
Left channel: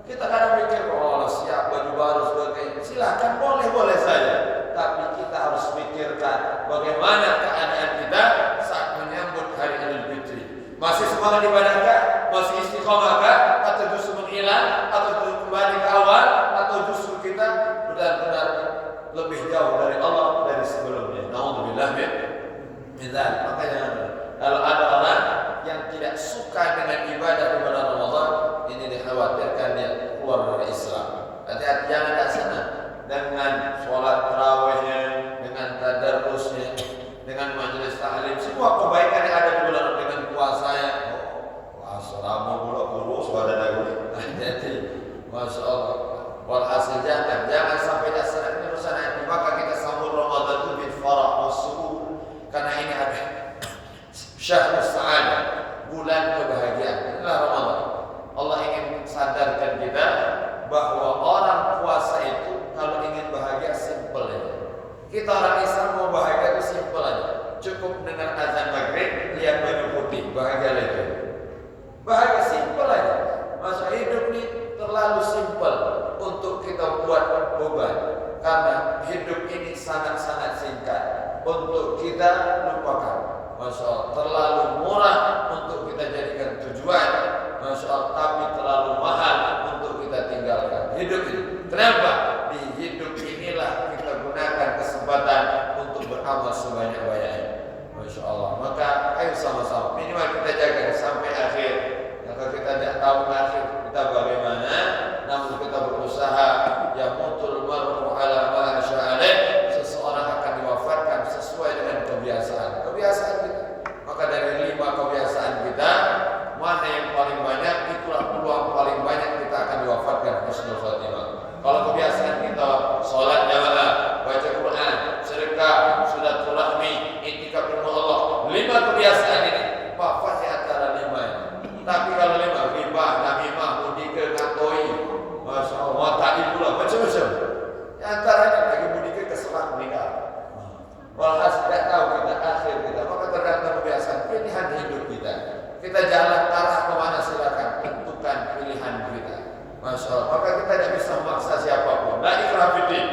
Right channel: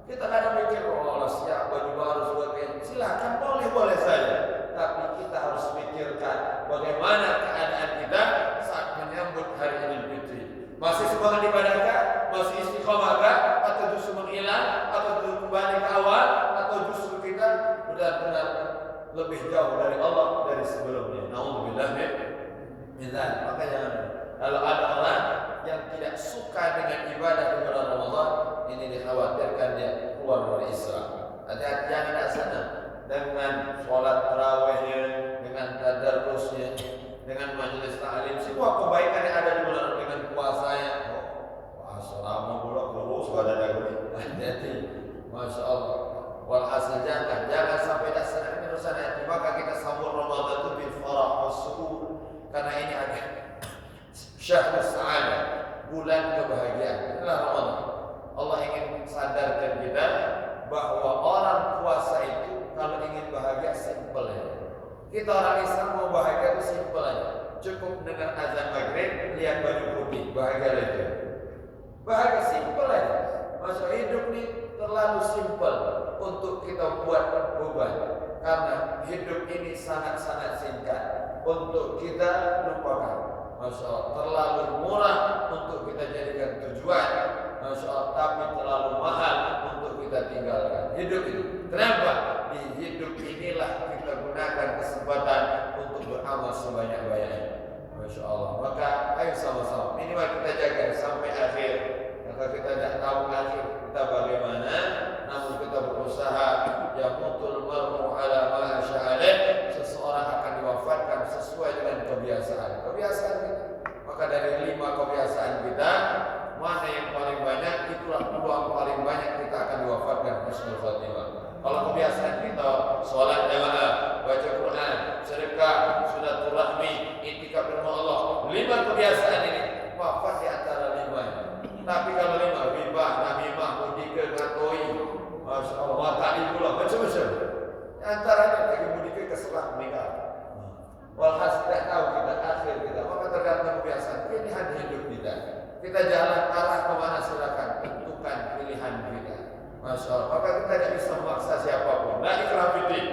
Kita kadang mikir, oh siap baju baru sudah kayak, silakan boleh saja. Tapi kita harus pikirkan bagaimana keadaan kita saat menyambut hari Idul Fitri. Masih semangat ibadahkah? Masih istiqomahkah? Atau justru menghilang? Atau justru kembali ke awal? Atau justru kita benar-benar lebih jauh dari Allah dari sebelumnya? Nauzubillah min dzalik. Maka jangan. Kalau ada orang yang tidak suka dengan ibadah di bulan Ramadan, ini dikhawatirkan dia keluar dari Islam. Hati-hati, jangan ke sana dengan sholat tarawihnya, dengan tadarrusnya, dengan majelis ta'lim, semua kebaikan yang ada di bulan dengan puasanya. Assalamu alaikum warahmatullahi wabarakatuh. Masya Allah. Walhasil jangan sampai dasar ini urusan hati. Maka kita sambut Ramadan itu bil farah was surur, karena ini ada syahrus sa'adah, bulan kebahagiaan. Inilah Ramadan. Allah ingin sadarkan kita bahwa orang puasa itu kalau ingin bahagia simple aja. Kita orang Islam mau bahagia itu simple aja. Cukup dengan azan maghrib, lihat baju putih, bahagia lagi. Bahagia simple aja. Masa hidup ini terlalu simple untuk kita buat beban. Karena hidup ini sangat-sangat singkat untuk kita lupakan. Masya Allah, terlalu murah untuk kita jadikan tujuan. Masya Allah, tapi terlalu mahal untuk kita tinggalkan. Hidup ini. Kenapa? Di hidup inilah kita gunakan kesempatan untuk beramal sebanyak-banyaknya. Masya Allah. Maka ayo sama-sama minimal kita jaga sampai akhir. Maka kita tidak tahu akhir kita bagaimana, namun kita berusaha. Ya mutul mar'u ala ma sya'aleh. Seseorang akan diwafatkan sesuai dengan kebiasaan kita. Maka dari 5 kebiasaan kita, mana yang paling banyak, itulah peluang paling banyak kita akan diwafatkan husnul khotimah. Kalau kebiasaan kita sholat jamaah, baca Quran, sedekah, silaturahmi, iktikaf di rumah Allah, 5 kebiasaan ini wafat di antara 5 ini. Tapi kalau 5 riba, namimah, mudika, ngatoi, masya Allah, mata'i pula, macam-macam. Di antaranya lagi mudika kesemak meninggal. Walhasil tidak tahu kita akhir kita. Maka tergantung kebiasaan pilihan hidup kita. Kita jalan arah kemana, silakan tentukan pilihan kita. Masya Allah. Maka kita tidak bisa memaksa siapapun. La ikrah fiddin.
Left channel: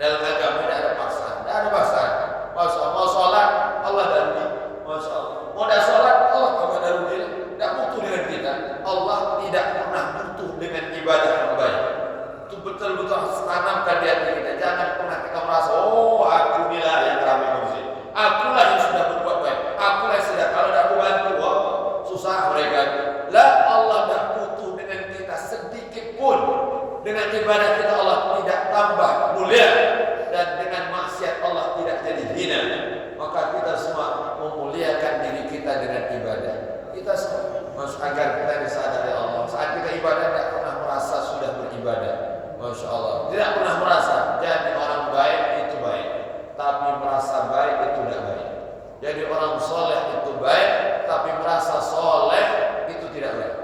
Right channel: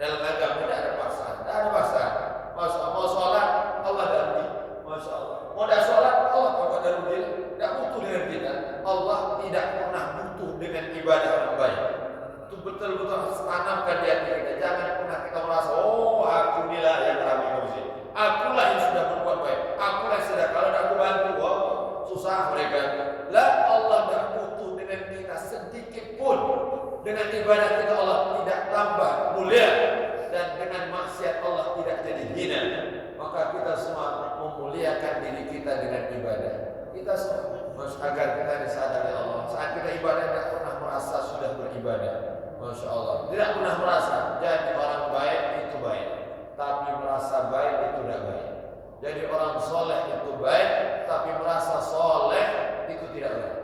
Dalam agama tidak ada paksaan. Tidak ada paksaan. Masya Allah. Mau sholat, Allah darudi. Masya Allah. Mau tidak sholat, Allah tidak darudi. Tidak butuh dengan kita. Allah tidak pernah butuh dengan ibadah yang baik. Itu betul-betul harus tanamkan di hati kita. Jangan pernah kita merasa, oh aku inilah yang kami korupsi. Akulah yang sudah berbuat baik. Akulah yang sudah, kalau tidak aku bantu, wah susah mereka. Lah, Allah tidak butuh dengan kita sedikit pun. Dengan ibadah kita Allah tidak tambah mulia, dan dengan maksiat Allah tidak jadi hina. Maka kita semua memuliakan diri kita dengan ibadah. Kita semua agar kita disadari Allah. Saat kita ibadah tidak pernah merasa sudah beribadah. Masya Allah, tidak pernah merasa jadi orang baik itu baik, tapi merasa baik itu tidak baik. Jadi orang soleh itu baik, tapi merasa soleh itu tidak baik.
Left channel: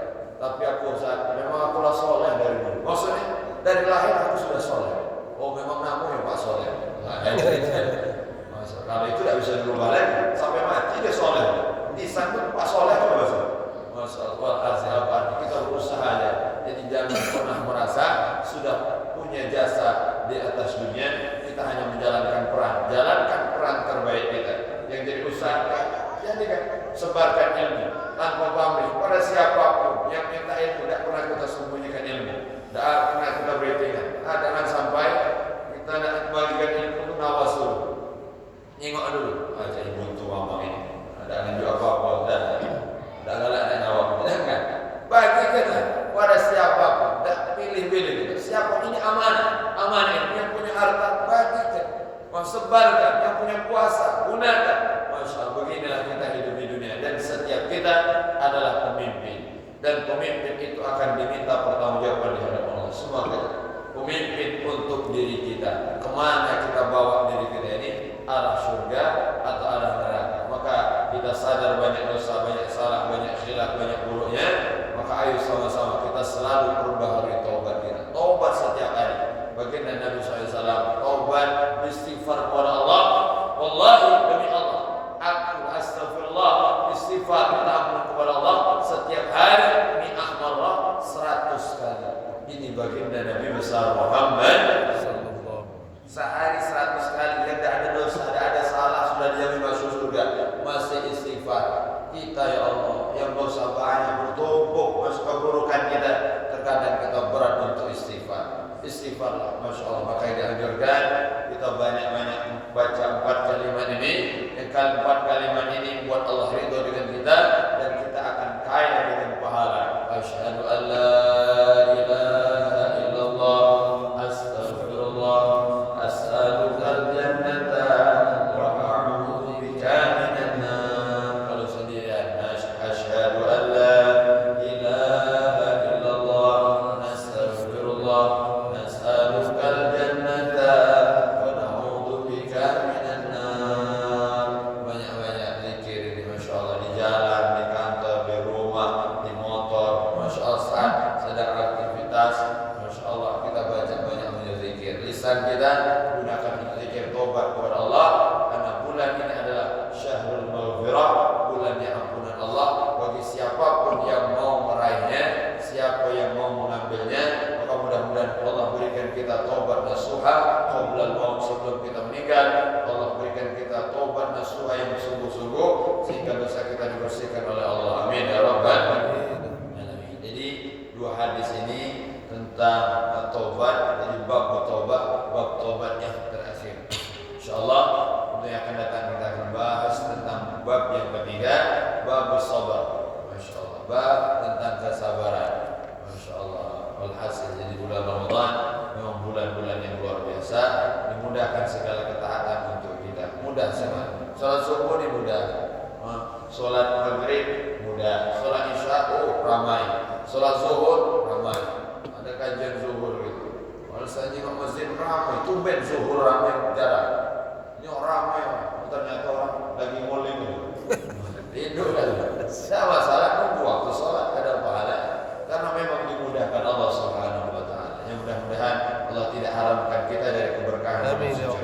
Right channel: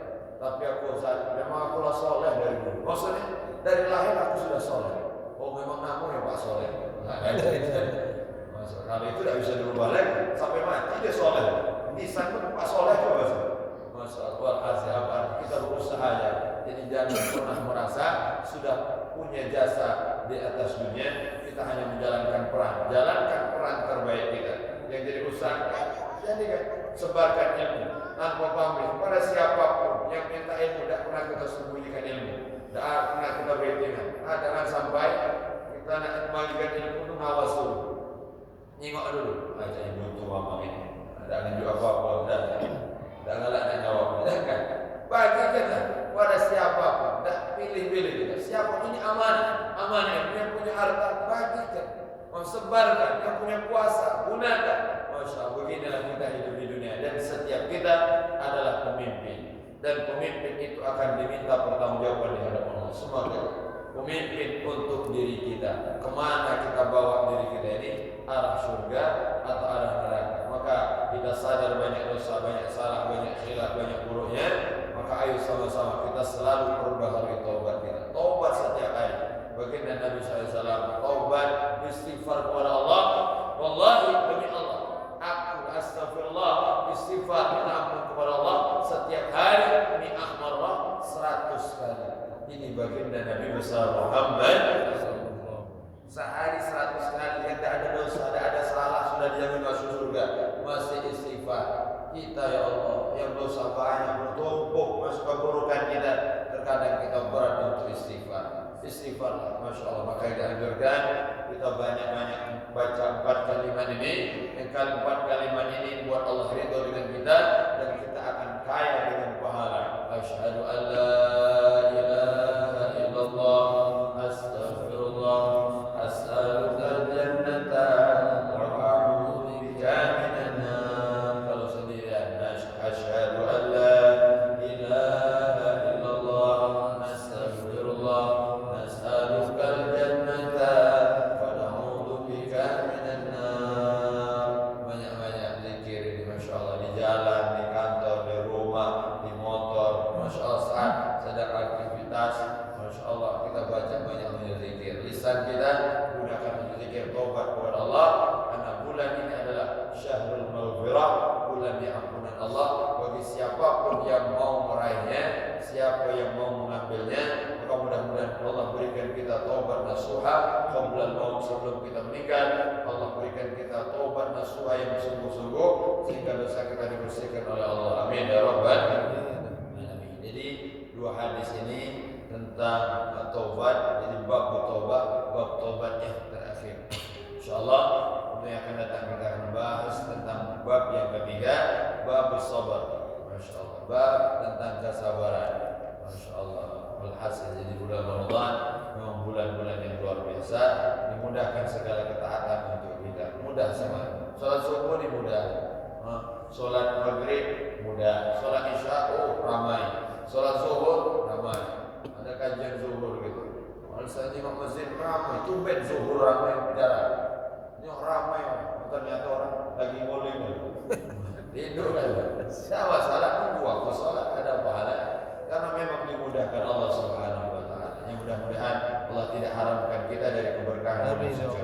Tapi aku memang akulah soleh dari dulu. Maksudnya dari lahir aku sudah soleh. Oh memang namu ya Pak soleh. Kalau itu tidak bisa dirubah lagi sampai mati dia soleh. Disambut Pak soleh itu bahasa. Masya Allah, kita berusaha ya. Jadi jangan pernah merasa sudah punya jasa di atas dunia. Kita hanya menjalankan peran. Jalankan peran terbaik kita. Yang jadi usaha, jadikan sebarkan ilmu tanpa pamrih pada siapapun yang minta ilmu. Tidak pernah kita sembunyikan ilmu. Tidak pernah kita beritingan. Jangan sampai kita nak membagikan ilmu itu nawasul. Nyengok dulu. Aja ibu itu mama ini. Ada nunjuk apa-apa. Tak galak nak jawab. Jangan. Bagikan pada siapapun. Tak pilih-pilih. Siapa ini amanah. Amanah ini yang punya harta. Bagikan. Sebarkan. Yang punya kuasa. Gunakan. Masya Allah. Beginilah kita hidup di dunia. Dan setiap kita adalah pemimpin. Dan pemimpin itu akan diminta pertanggungjawaban di hadapan Allah. Semua kita. Pemimpin untuk diri kita. Kemana kita bawa diri kita ini? Arah surga atau arah neraka. Maka kita sadar banyak dosa, banyak salah, banyak khilaf, banyak buruknya. Maka ayo sama-sama kita selalu perbaharui taubat kita. Taubat setiap hari. Baginda Nabi SAW, taubat istighfar kepada Allah. Wallahi demi Allah, aku astagfirullah istighfar minta ampun kepada Allah setiap hari. Ini ahmarah Ini baginda Nabi besar Muhammad. Sehari 100 kali yang tidak ada dosa, tidak ada salah, sudah dijamin masuk surga. Masih istighfar. Kita ya Allah yang dosa banyak bertumpuk masuk keburukan kita, terkadang kita berat untuk istighfar. Istighfar, masya Allah. Maka dianjurkan kita banyak-banyak baca 4 kalimat ini. Yang 4 kalimat ini buat Allah ridho dengan kita dan kita akan kaya dengan pahala. Asyhadu an la ilaha illallah, astaghfirullah, as'alukal jannata wa a'udzu bika minan nar. Kalau sendirian, asyhadu an la ilaha illallah, astaghfirullah, as'alukal jannata wa a'udzu bika minan nar. Banyak-banyak zikir ini, masya Allah, di jalan, di kantor, di rumah, di motor, masya Allah, saat sedang aktivitas, masya Allah, kita baca banyak zikir. Lisan kita gunakan untuk zikir tobat kepada Allah, karena bulan ini adalah syahrul maghfirah, bulannya ampunan Allah bagi siapapun yang mau meraihnya, siapa yang mau mengambilnya. Maka mudah-mudahan Allah berikan kita tobat nasuha qabla al-maut, sebelum kita meninggal. Allah berikan kita tobat nasuha yang sungguh-sungguh sehingga dosa kita dibersihkan oleh Allah. Amin ya rabbal alamin. Jadi 2 hadis ini tentang taubat. Jadi bab taubat yang terakhir. Insyaallah untuk yang akan datang kita akan bahas tentang bab yang ketiga, bab sabar. Masya Allah, bab tentang kesabaran. Masya Allah. Walhasil, jadi bulan Ramadan memang bulan-bulan yang luar biasa, dimudahkan segala ketaatan untuk kita. Mudah sekali. Salat subuh ini mudah, salat maghrib mudah, salat isya ramai, salat zuhur ramai. Ada kajian zuhur gitu. Malah saya jenguk masjid ramai, tumben zuhur ramai jarang. Ini ramai, ternyata orang lagi nguling. Tidur kan? Tidak masalah, nunggu waktu salat ada pahala. Karena memang dimudahkan Allah Subhanahu wa taala. Yang mudah-mudahan Allah tidak haramkan kita dari keberkahan bulan suci